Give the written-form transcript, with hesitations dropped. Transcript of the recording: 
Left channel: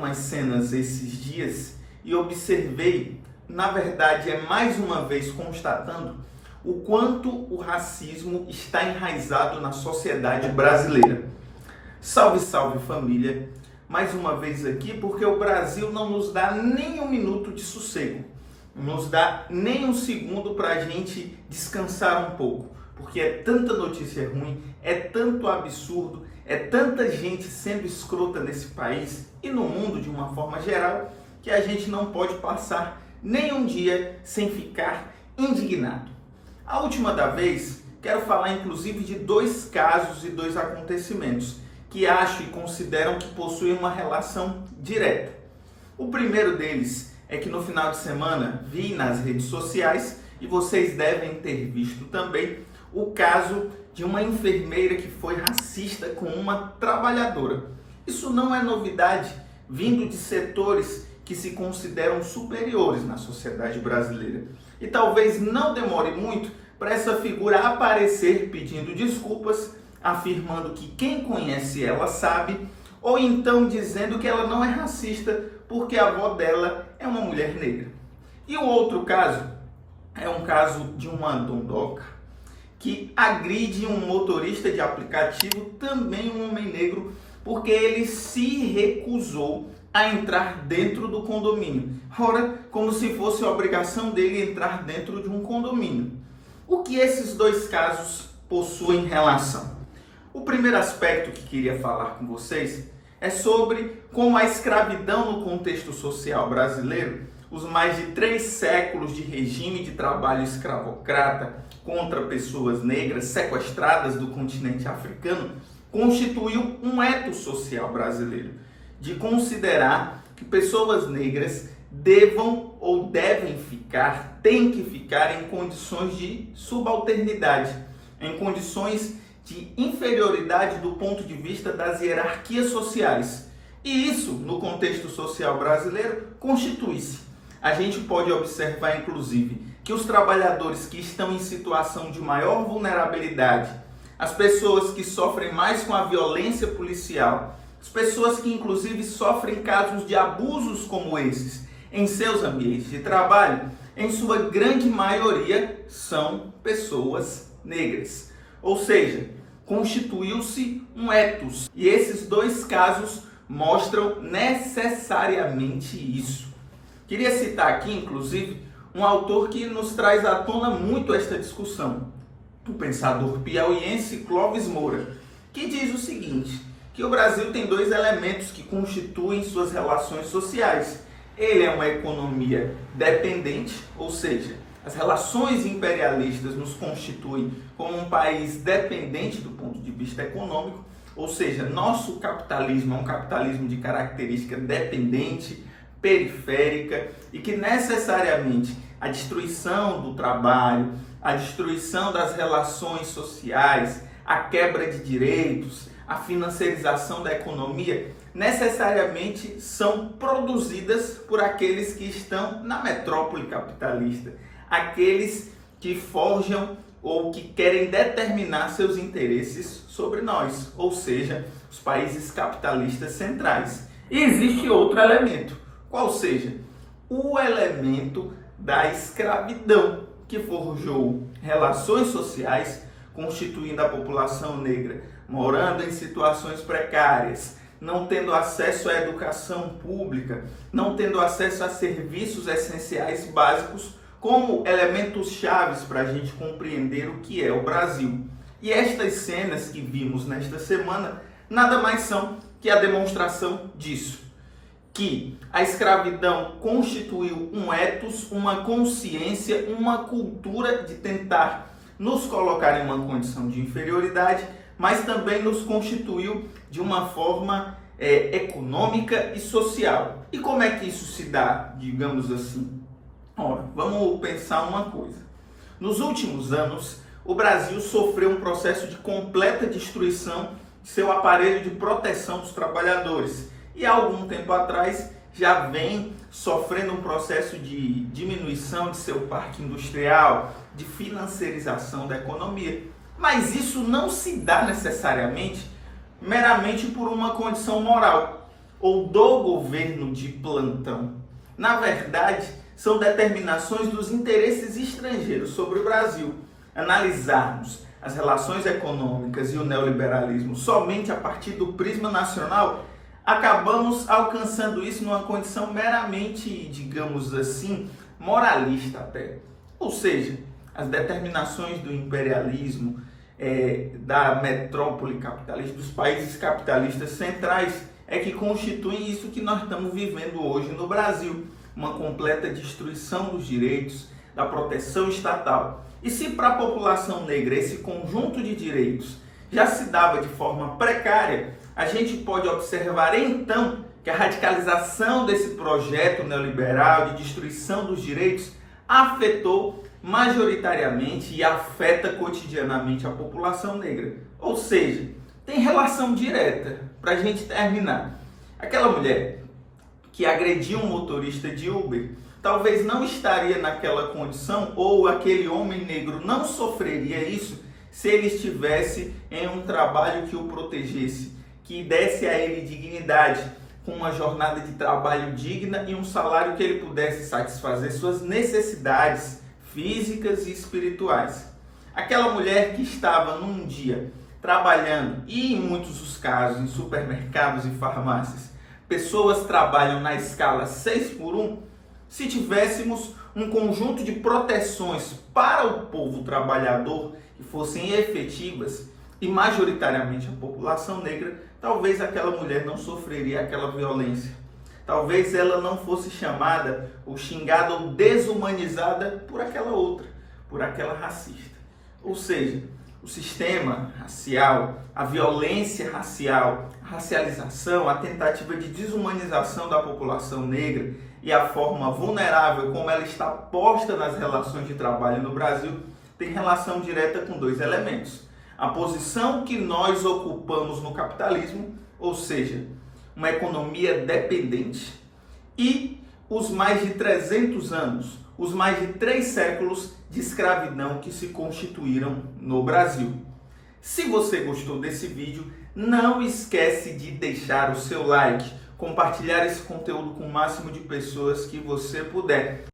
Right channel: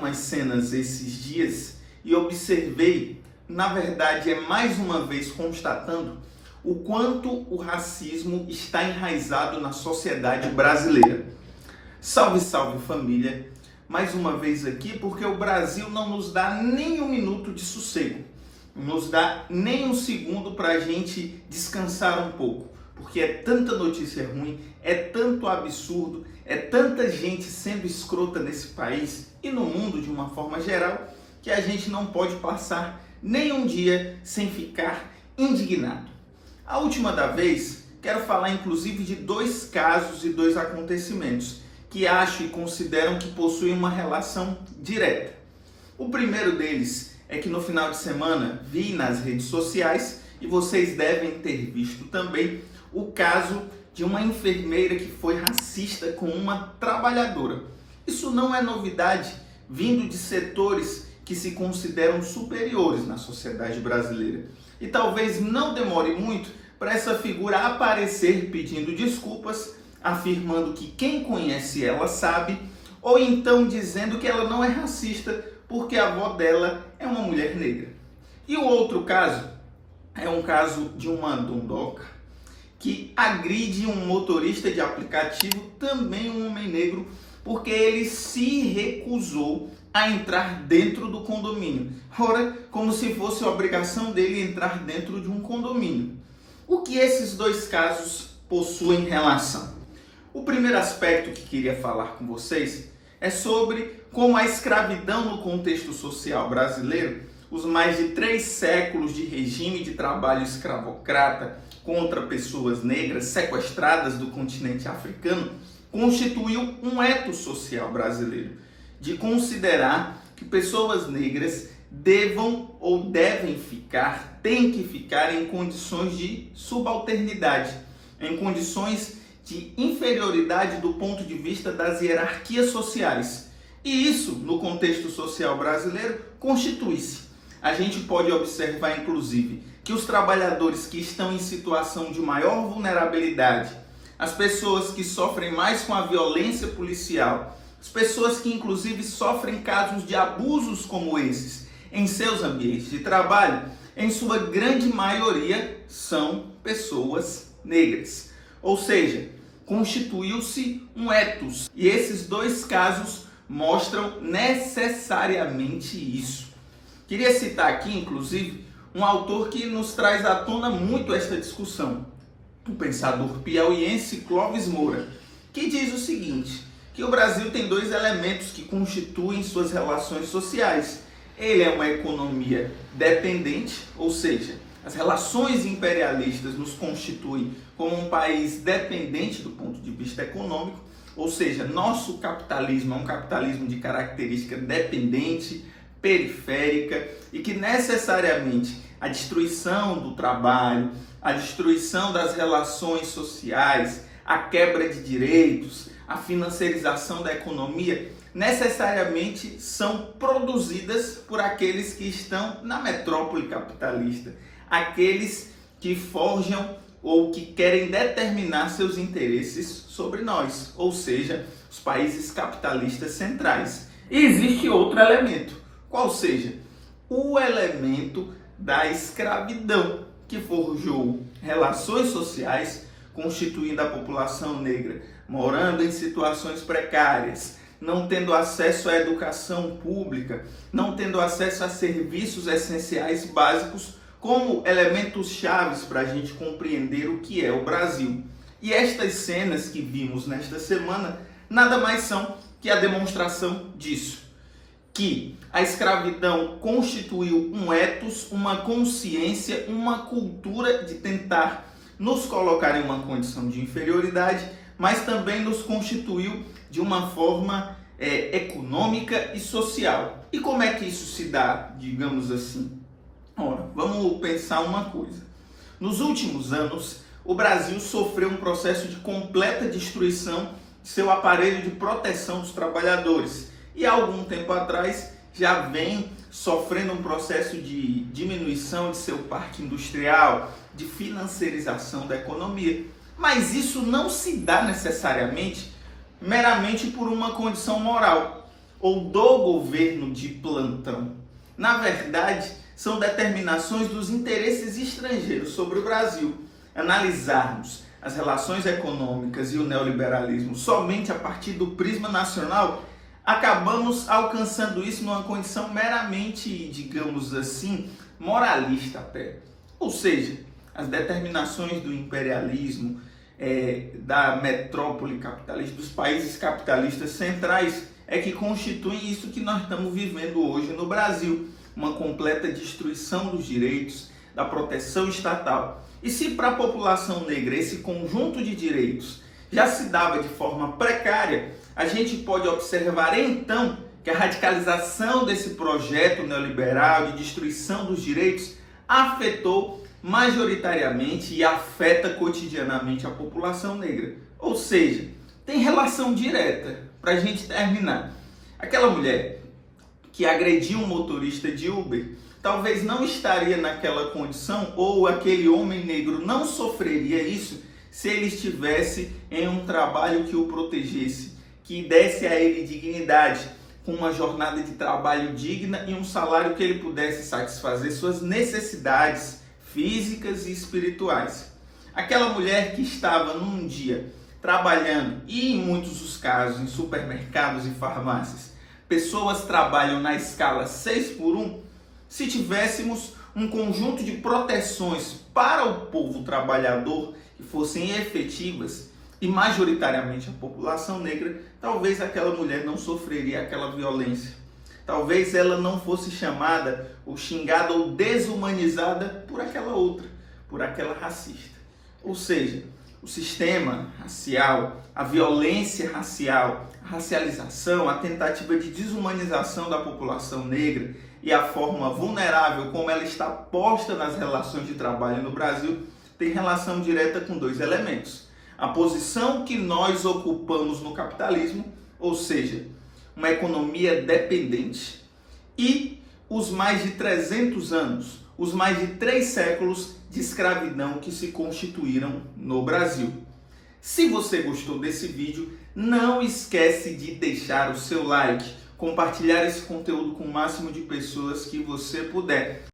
algumas cenas esses dias e observei, na verdade é mais uma vez constatando, o quanto o racismo está enraizado na sociedade brasileira. Salve, salve família! Mais uma vez aqui porque o Brasil não nos dá nem um minuto de sossego, não nos dá nem um segundo para a gente descansar um pouco, porque é tanta notícia ruim, é tanto absurdo, é tanta gente sendo escrota nesse país e no mundo de uma forma geral, que a gente não pode passar nem um dia sem ficar indignado. A última da vez, quero falar inclusive de dois casos e dois acontecimentos que acho e consideram que possuem uma relação direta. O primeiro deles é que no final de semana vi nas redes sociais, e vocês devem ter visto também, o caso de uma enfermeira que foi racista com uma trabalhadora. Isso não é novidade, vindo de setores que se consideram superiores na sociedade brasileira. E talvez não demore muito para essa figura aparecer pedindo desculpas, afirmando que quem conhece ela sabe, ou então dizendo que ela não é racista porque a avó dela é uma mulher negra. E o outro caso é um caso de uma dondoca que agride um motorista de aplicativo, também um homem negro, porque ele se recusou a entrar dentro do condomínio. Ora, como se fosse a obrigação dele entrar dentro de um condomínio. O que esses dois casos possuem relação? O primeiro aspecto que queria falar com vocês é sobre como a escravidão no contexto social brasileiro, os mais de 3 séculos de regime de trabalho escravocrata contra pessoas negras sequestradas do continente africano, constituiu um ethos social brasileiro, de considerar que pessoas negras devam ou devem ficar, têm que ficar em condições de subalternidade, em condições de inferioridade do ponto de vista das hierarquias sociais. E isso, no contexto social brasileiro, constitui-se. A gente pode observar, inclusive, que os trabalhadores que estão em situação de maior vulnerabilidade, as pessoas que sofrem mais com a violência policial, as pessoas que inclusive sofrem casos de abusos como esses em seus ambientes de trabalho, em sua grande maioria são pessoas negras. Ou seja, constituiu-se um ethos. E esses dois casos mostram necessariamente isso. Queria citar aqui, inclusive, um autor que nos traz à tona muito esta discussão, o pensador piauiense Clóvis Moura, que diz o seguinte, que o Brasil tem 2 elementos que constituem suas relações sociais. Ele é uma economia dependente, ou seja, as relações imperialistas nos constituem como um país dependente do ponto de vista econômico, ou seja, nosso capitalismo é um capitalismo de característica dependente, periférica, e que necessariamente a destruição do trabalho, a destruição das relações sociais, a quebra de direitos, a financiarização da economia, necessariamente são produzidas por aqueles que estão na metrópole capitalista, aqueles que forjam ou que querem determinar seus interesses sobre nós, ou seja, os países capitalistas centrais. E existe outro elemento, qual seja? O elemento da escravidão, que forjou relações sociais, constituindo a população negra, morando em situações precárias, não tendo acesso à educação pública, não tendo acesso a serviços essenciais básicos, como elementos chaves para a gente compreender o que é o Brasil. E estas cenas que vimos nesta semana nada mais são que a demonstração disso, que a escravidão constituiu um ethos, uma consciência, uma cultura de tentar nos colocar em uma condição de inferioridade, mas também nos constituiu de uma forma econômica e social. E como é que isso se dá, digamos assim? Ora, vamos pensar uma coisa. Nos últimos anos, o Brasil sofreu um processo de completa destruição de seu aparelho de proteção dos trabalhadores. E há algum tempo atrás já vem sofrendo um processo de diminuição de seu parque industrial, de financiarização da economia. Mas isso não se dá necessariamente meramente por uma condição moral. ou do governo de plantão. Na verdade, são determinações dos interesses estrangeiros sobre o Brasil. Analisarmos as relações econômicas e o neoliberalismo somente a partir do prisma nacional, acabamos alcançando isso numa condição meramente, digamos assim, moralista até. Ou seja, as determinações do imperialismo, da metrópole capitalista, dos países capitalistas centrais, é que constituem isso que nós estamos vivendo hoje no Brasil, uma completa destruição dos direitos, da proteção estatal. E se para a população negra esse conjunto de direitos já se dava de forma precária, a gente pode observar então que a radicalização desse projeto neoliberal de destruição dos direitos afetou majoritariamente e afeta cotidianamente a população negra. Ou seja, tem relação direta. Para a gente terminar, aquela mulher que agrediu um motorista de Uber talvez não estaria naquela condição, ou aquele homem negro não sofreria isso se ele estivesse em um trabalho que o protegesse, que desse a ele dignidade, com uma jornada de trabalho digna e um salário que ele pudesse satisfazer suas necessidades físicas e espirituais. Aquela mulher que estava num dia trabalhando, e em muitos dos casos em supermercados e farmácias, pessoas trabalham na escala 6x1, se tivéssemos um conjunto de proteções para o povo trabalhador que fossem efetivas e majoritariamente a população negra, talvez aquela mulher não sofreria aquela violência. Talvez ela não fosse chamada ou xingada ou desumanizada por aquela outra, por aquela racista. Ou seja, o sistema racial, a violência racial, a racialização, a tentativa de desumanização da população negra e a forma vulnerável como ela está posta nas relações de trabalho no Brasil tem relação direta com dois elementos. A posição que nós ocupamos no capitalismo, ou seja, uma economia dependente, e os mais de 300 anos, os mais de 3 séculos de escravidão que se constituíram no Brasil. Se você gostou desse vídeo, não esquece de deixar o seu like, compartilhar esse conteúdo com o máximo de pessoas que você puder.